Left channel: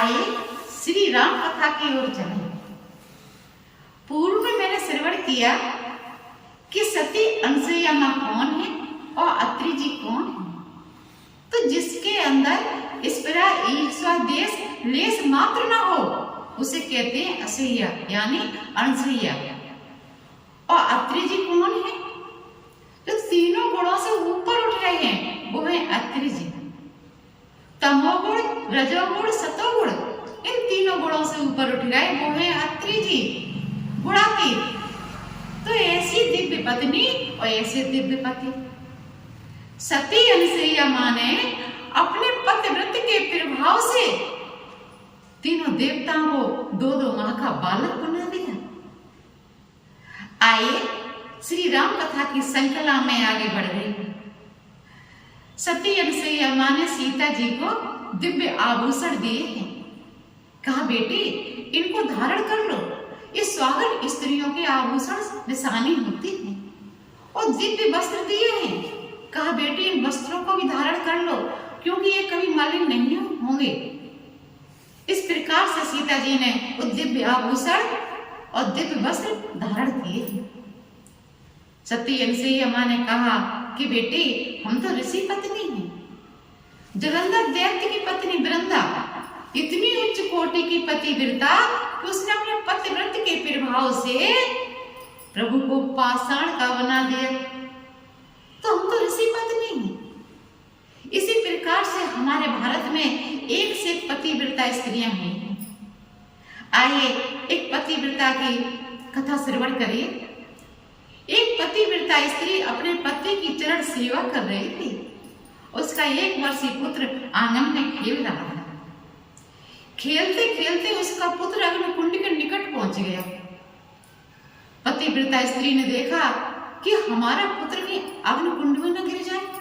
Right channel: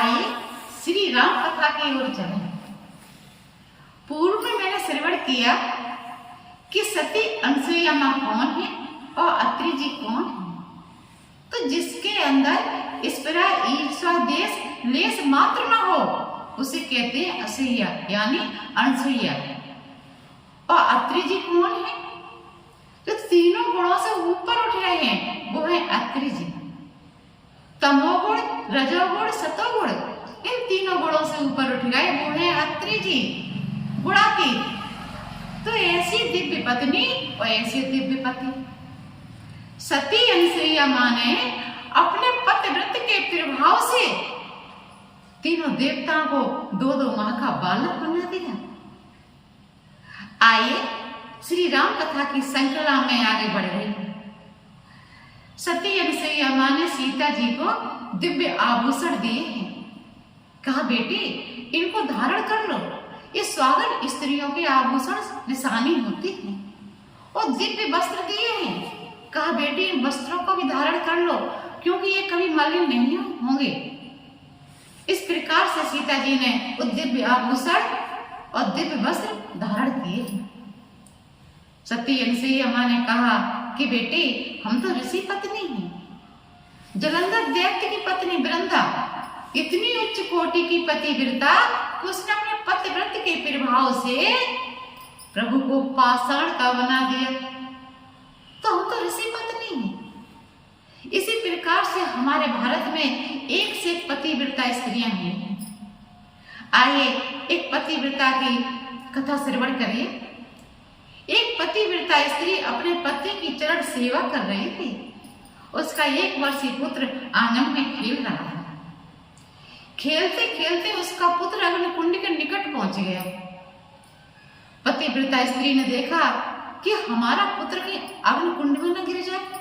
आइए श्री राम कथा की ओर चलें। पूर्व में मैंने श्रवण किया कि सती अनसुईया माँ कौन है और अत्रि जी कौन है। तो जिसके अंदर इस प्रकार ईर्ष्या देश लेस मात्र न हो उसे कहते हैं असह्या यानी अनसुईया। और अत्रि जी कौन है? जो तीनों गुणों से ऊपर उठ रहे हैं वो है अत्रि जी। तमोगुण, रजोगुण, सतोगुण इन तीनों गुणों से ऊपर उठ गए वो है अत्रि जी गुणातीत। तो ऐसी दिव्य पत्नी और ऐसे दिव्य पति सती अनसुईया मां ने अपने पतिव्रत के प्रभाव से तीनों देवताओं को दो दो माह का बालक बना दिया। आइए श्री राम कथा की श्रृंखला में आगे बढ़ रही। सती अनसुईया मां ने सीता जी को दिव्य आभूषण दिए हैं। कहा बेटी इनको धारण कर लो, ये स्वागत स्त्रियों के आभूषण निशानी होती है। और दिव्य वस्त्र दिए हैं। कहा बेटी इन वस्त्रों को भी धारण कर लो क्योंकि ये कभी मलिन नहीं होंगे। इस प्रकार से सीता जी ने वो दिव्य आभूषण और दिव्य वस्त्र धारण किए हैं। सती अनसुईया मां ने कहा कि बेटी हम तो ऋषि पत्नी हैं, जलंधर दैत्य की पत्नी वृंदा इतनी उच्च कोटि की पतिव्रता कि उसने अपने पतिव्रत के प्रभाव से प्रभु को पाषाण का बना दिया। तो हम तो ऋषि पत्नी हैं। इसी प्रकार से हमारे भारत में एक से एक पतिव्रता स्त्रियां हैं। आइए एक पतिव्रता की कथा श्रवण करिए। एक पतिव्रता स्त्री अपने पति की चरण सेवा कर रही थी। उसका 1 वर्षीय पुत्र आंगन में खेल रहा था। खेलते खेलते उसका पुत्र अग्निकुंड के निकट पहुंच गया। पतिव्रता स्त्री ने देखा कि हमारा पुत्र कहीं अग्निकुंड में न गिर जाए।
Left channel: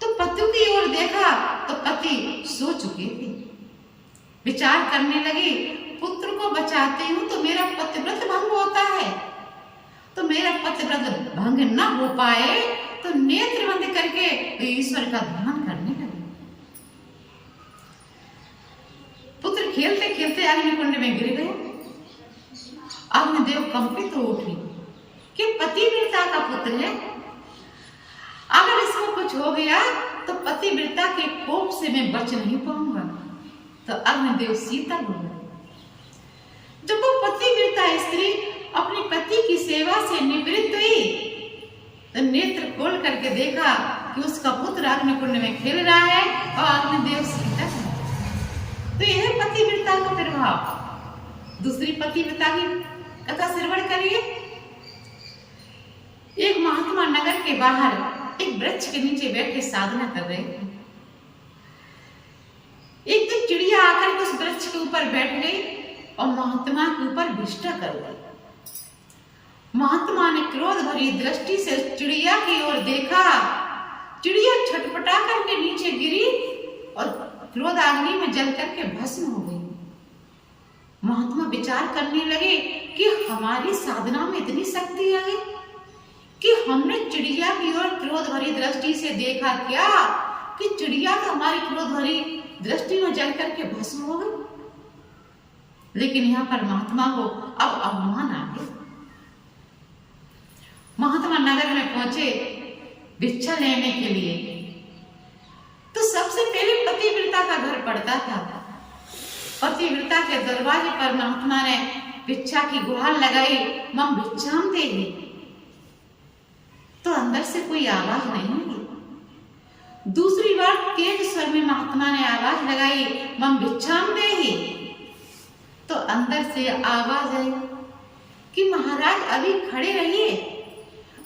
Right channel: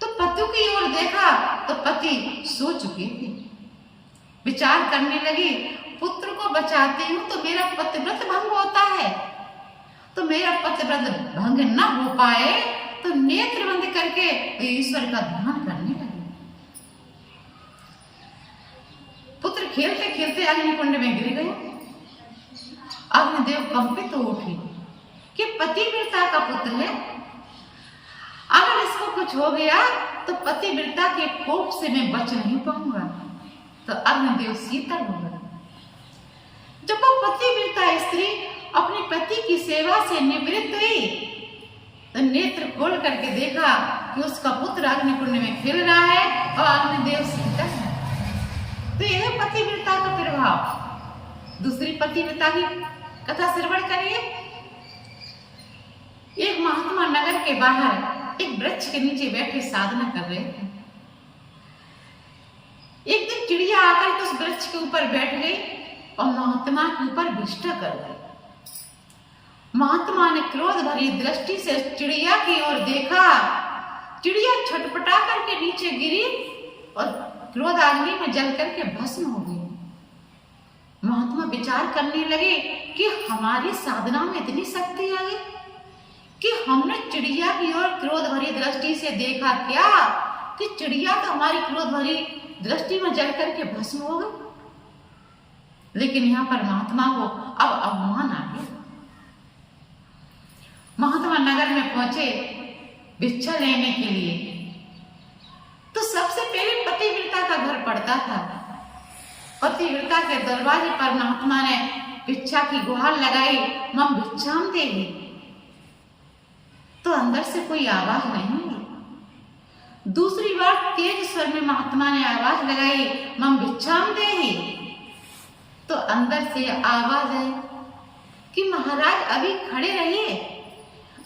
तो पति की ओर देखा तो पति सो चुके थे। विचार करने लगी पुत्र को बचाती हूं तो मेरा पतिव्रत भंग होता है। तो मेरा पतिव्रत भंग न हो पाए तो नेत्र बंद करके ईश्वर का ध्यान करने लगे। पुत्र खेलते खेलते अग्निकुंड में गिर गए। अग्निदेव कंपित हो उठे कि पतिव्रता का पुत्र है, अगर इसमें कुछ हो गया तो पतिव्रता के कोप से मैं बच नहीं पाऊंगा। तो अग्निदेव शीतल हो गए। जब वो पतिव्रता स्त्री अपने पति की सेवा से निवृत्त हुई तो नेत्र खोल करके देखा कि उसका पुत्र अग्निकुंड में खेल रहा है और अग्निदेव शीतल है। तो यह पतिव्रता का प्रभाव। दूसरी पतिव्रता की कथा श्रवण करिए। एक महात्मा नगर के बाहर एक वृक्ष के नीचे बैठे साधना कर रहे थे। एक दिन चिड़िया आकर के उस वृक्ष के ऊपर बैठ गई और महात्मा के ऊपर विष्ठा कर गई। महात्मा ने क्रोध भरी दृष्टि से चिड़िया की ओर देखा। चिड़िया छटपटा करके नीचे गिरी और क्रोध अग्नि में जल करके भस्म हो गई। महात्मा विचार करने लगे कि हमारी साधना में इतनी शक्ति आ गई कि हमने चिड़िया की ओर क्रोध भरी दृष्टि से देखा क्या कि चिड़िया तो हमारी क्रोध भरी दृष्टि में जल करके भस्म हो गई। लेकिन यहाँ पर महात्मा को अब अवमान आ गया। महात्मा नगर में पहुंचे भिक्षा लेने के लिए। तो सबसे पहले पतिव्रता का घर पड़ता था। पतिव्रता के दरवाजे पर महात्मा ने भिक्षा की गुहार लगाई, मम भिक्षाम देहि। तो अंदर से कोई आवाज नहीं आई। दूसरी बार तेज स्वर में महात्मा ने आवाज लगाई, मम भिक्षाम देहि। तो अंदर से आवाज आई कि महाराज अभी खड़े रहिए,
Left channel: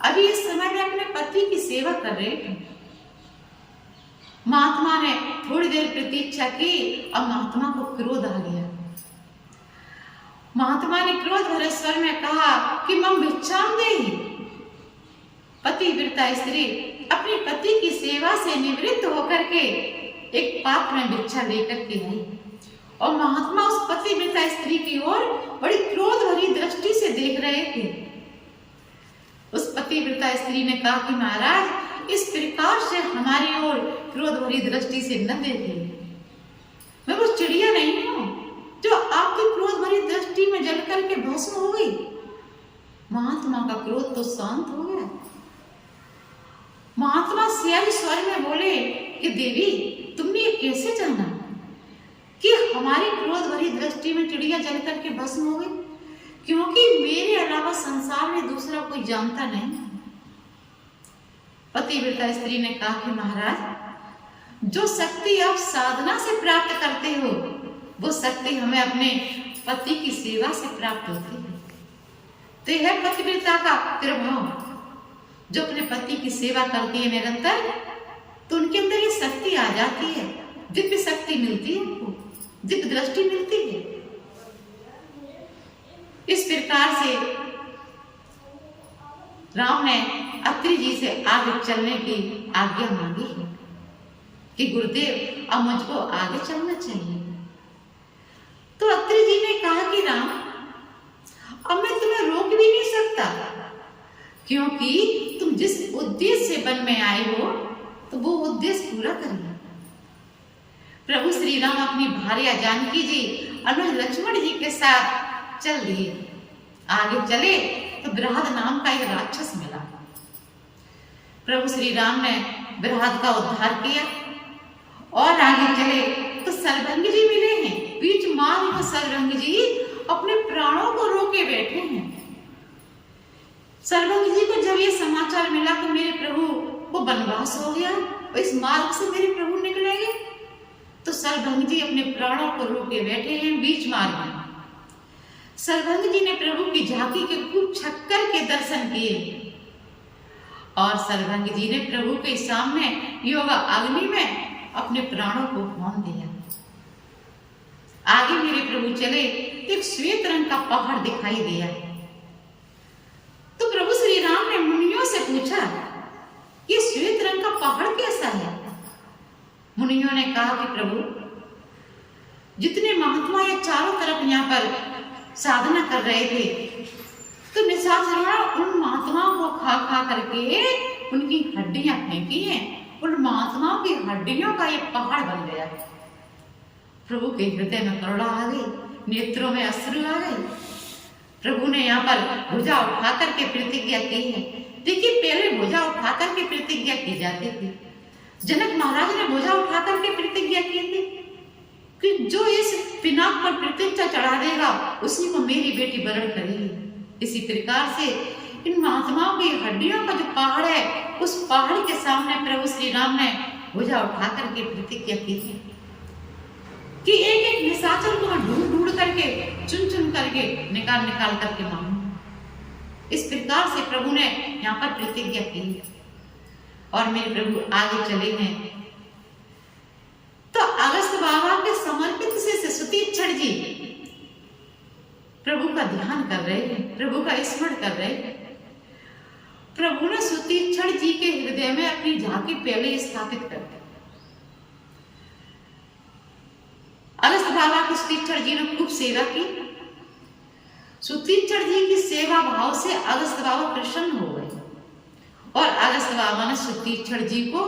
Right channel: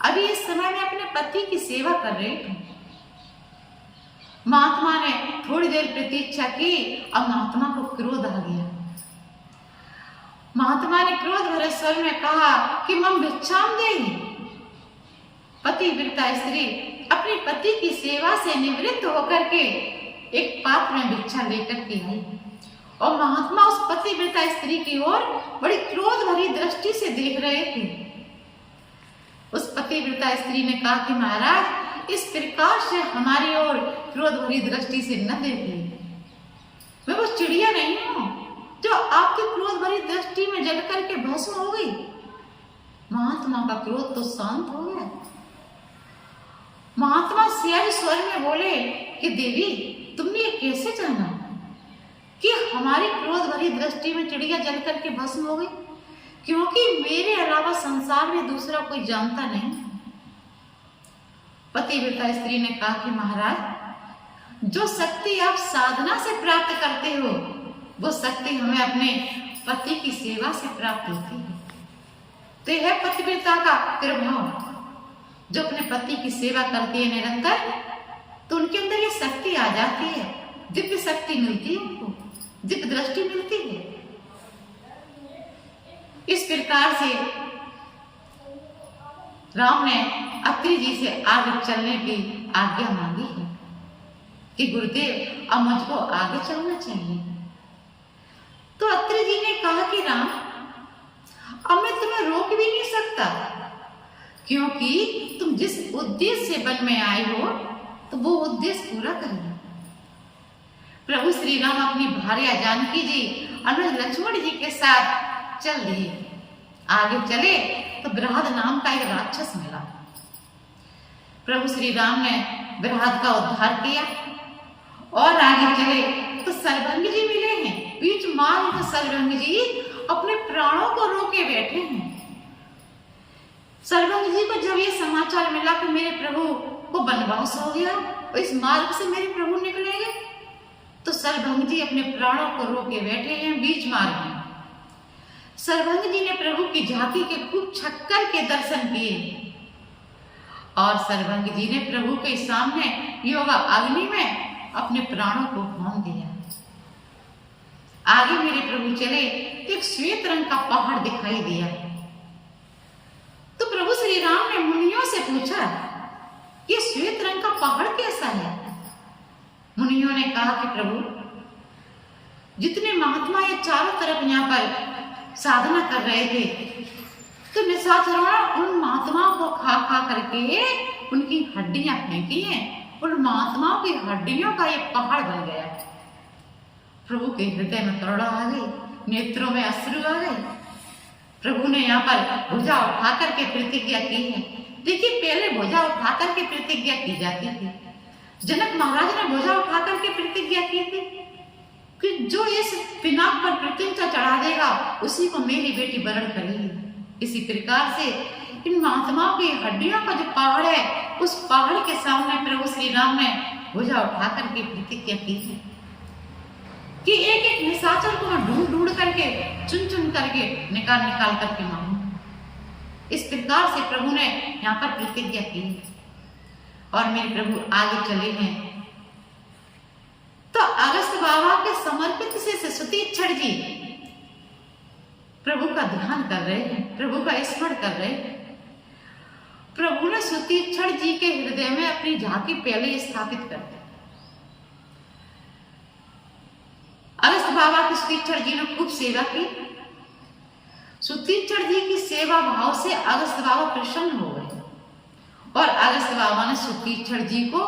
अभी इस समय में अपने पति की सेवा कर रहे थे। महात्मा ने थोड़ी देर प्रतीक्षा की और महात्मा को क्रोध आ गया। महात्मा ने क्रोध भरे स्वर में कहा कि मम भिक्षाम देहि। पतिव्रता स्त्री अपने पति की सेवा से निवृत्त होकर के एक पात्र में भिक्षा लेकर के आई और महात्मा उस पतिव्रता स्त्री की ओर बड़ी क्रोध भरी दृष्टि से देख रहे थे। उस पतिव्रता स्त्री ने कहा कि महाराज इस प्रकार से हमारी ओर क्रोध भरी दृष्टि से न देखिए। मैं वो चिड़िया नहीं हूं दृष्टि में जल करके भस्म हो गई। महात्मा का क्रोध तो शांत हो गया। महात्मा सियाही स्वर में बोले कि देवी, तुमने ये कैसे जाना कि हमारी क्रोध भरी दृष्टि में चिड़िया जल करके भस्म हो गई? क्योंकि मेरे अलावा संसार में दूसरा कोई जानता नहीं। पतिव्रता स्त्री ने कहा कि महाराज, जो शक्ति आप साधना से प्राप्त करते हो वो शक्ति हमें अपने पति की सेवा से प्राप्त होती है। तो यह पतिव्रता का प्रभाव, जो अपने पति की सेवा करती है निरंतर, तो उनके अंदर ये शक्ति आ जाती है, दिव्य शक्ति मिलती है, उनको दिव्य दृष्टि मिलती है। इस प्रकार से राम ने अत्रि जी से आगे चलने की आज्ञा मांगी है कि गुरुदेव, अब मुझको आगे चलना चाहिए। तो अत्रि जी ने कहा कि राम, अब मैं तुम्हें रोक भी नहीं सकता, क्योंकि तुम जिस उद्देश्य से वन में आए हो तो वो उद्देश्य पूरा करिए। प्रभु श्री राम अपनी भार्या जानकी जी अनुज लक्ष्मण जी के साथ चल दिए। आगे चले तो बृहद नाम का एक राक्षस मिला। प्रभु श्री राम ने बृहद का उद्धार किया और आगे चले तो सर्वंग जी मिले हैं। बीच मार्ग में सर्वंग जी अपने प्राणों को रोके बैठे हैं। सर्वंग जी को जब ये समाचार मिला कि मेरे प्रभु को वनवास हो गया, इस मार्ग से मेरे प्रभु निकलेंगे, तो सर्वंग जी अपने प्राणों को रोके बैठे हैं बीच मार्ग में। सर्वंग जी ने प्रभु की झांकी के खूब छक्कर के दर्शन किए और सर्वंग जी ने प्रभु के सामने योगा अग्नि में अपने प्राणों को होम दिया। आगे मेरे प्रभु चले, एक श्वेत रंग का पहाड़ दिखाई दिया। तो प्रभु श्री राम ने मुनियों से पूछा, ये श्वेत रंग का पहाड़ कैसा है? मुनियों ने कहा कि प्रभु, जितने महात्मा ये चारों तरफ यहाँ पर साधना कर रहे थे, तो निशाचरों उन महात्माओं को खा खा करके उनकी हड्डियां फेंकी हैं। उन महात्माओं की हड्डियों का ये पहाड़ बन गया। प्रभु के हृदय में करुणा आ गई, नेत्रों में अश्रु आ गए। प्रभु ने यहाँ पर भुजा उठा करके प्रतिज्ञा की है। देखिए, पहले भुजा उठा करके प्रतिज्ञा की जाती थी। जनक महाराज ने भुजा उठा करके प्रतिज्ञा की थी कि जो इस पिनाक पर प्रतिज्ञा चढ़ा देगा उसी को मेरी बेटी वरण करेगी। इसी प्रकार से इन महात्माओं की हड्डियों का जो पहाड़ है, उस पहाड़ के सामने प्रभु श्री राम ने भुजा उठा करके प्रतिज्ञा की थी कि एक एक निशाचर को मैं ढूंढ ढूंढ करके, चुन चुन करके, निकाल निकाल करके मारूं। इस प्रकार से प्रभु ने यहाँ पर प्रतिज्ञा की और मेरे प्रभु आगे चले हैं। तो अगस्त बाबा के समर्पित से सुतीक्षण जी प्रभु का ध्यान कर रहे हैं, प्रभु का स्मरण कर रहे हैं। प्रभु ने सुतीक्षण जी के हृदय में अपनी झांकी पहले स्थापित कर दी। अगस्त बाबा की सुतीक्षण जी ने खूब सेवा की। सुतीक्षण जी की सेवा भाव से अगस्त बाबा प्रसन्न हो गए और अगस्त बाबा ने सुतीक्षण जी को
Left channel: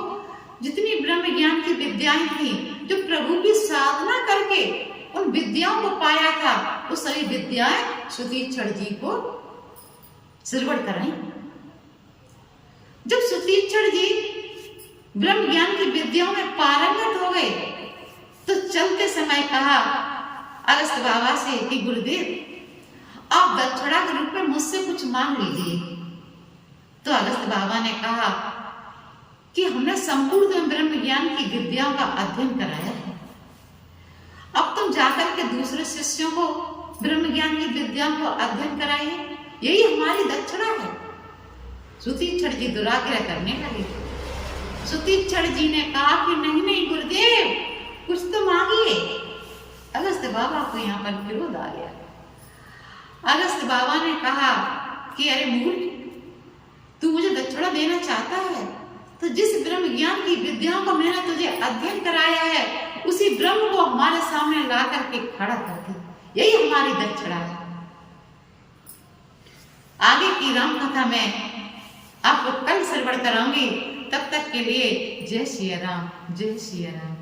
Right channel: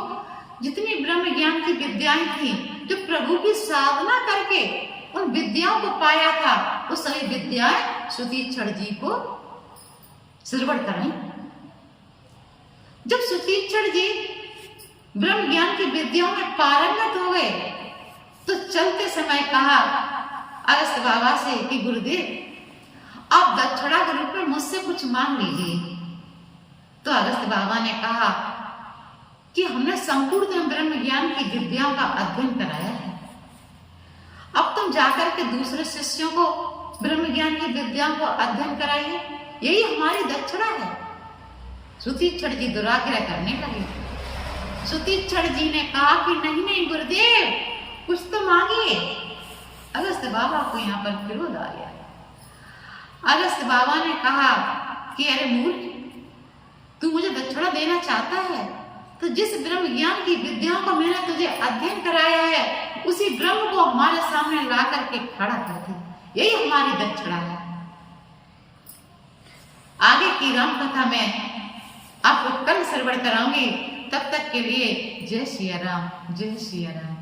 जितनी ब्रह्म ज्ञान की विद्याएं थी, जो प्रभु की साधना करके उन विद्याओं को पाया था, वो सारी विद्याएं सुतीक्षण जी को श्रवण कराई। जब सुतीक्षण जी ब्रह्म ज्ञान की विद्याओं में पारंगत हो गए, तो चलते समय कहा अगस्त बाबा से कि गुरुदेव, आप दक्षिणा के रूप में मुझसे कुछ मांग लीजिए। तो अगस्त बाबा ने कहा कि हमने संपूर्ण ब्रह्म ज्ञान की विद्याओं का अध्ययन कराया है, अब तुम जाकर के दूसरे शिष्यों को ब्रह्म ज्ञान की विद्याओं को अध्ययन कराइए, यही हमारी दक्षिणा है। सुतीक्षण जी दुराग्रह करने लगे। सुतीक्षण जी ने कहा कि नहीं नहीं गुरुदेव, कुछ तो मांगिए। अगस्त बाबा को यहाँ पर विरोध आ गया। अगस्त बाबा ने कहा कि अरे मूर्ख, तू मुझे दक्षिणा देना चाहता है तो जिस ब्रह्म ज्ञान की विद्याओं को मैंने तुझे अध्ययन कराया है, उसी ब्रह्म को हमारे सामने ला करके खड़ा कर दे, यही हमारी दक्षिणा है। आगे की राम कथा में आपको कल श्रवण कराऊंगी। तब तक के लिए जय सिया राम, जय सिया राम।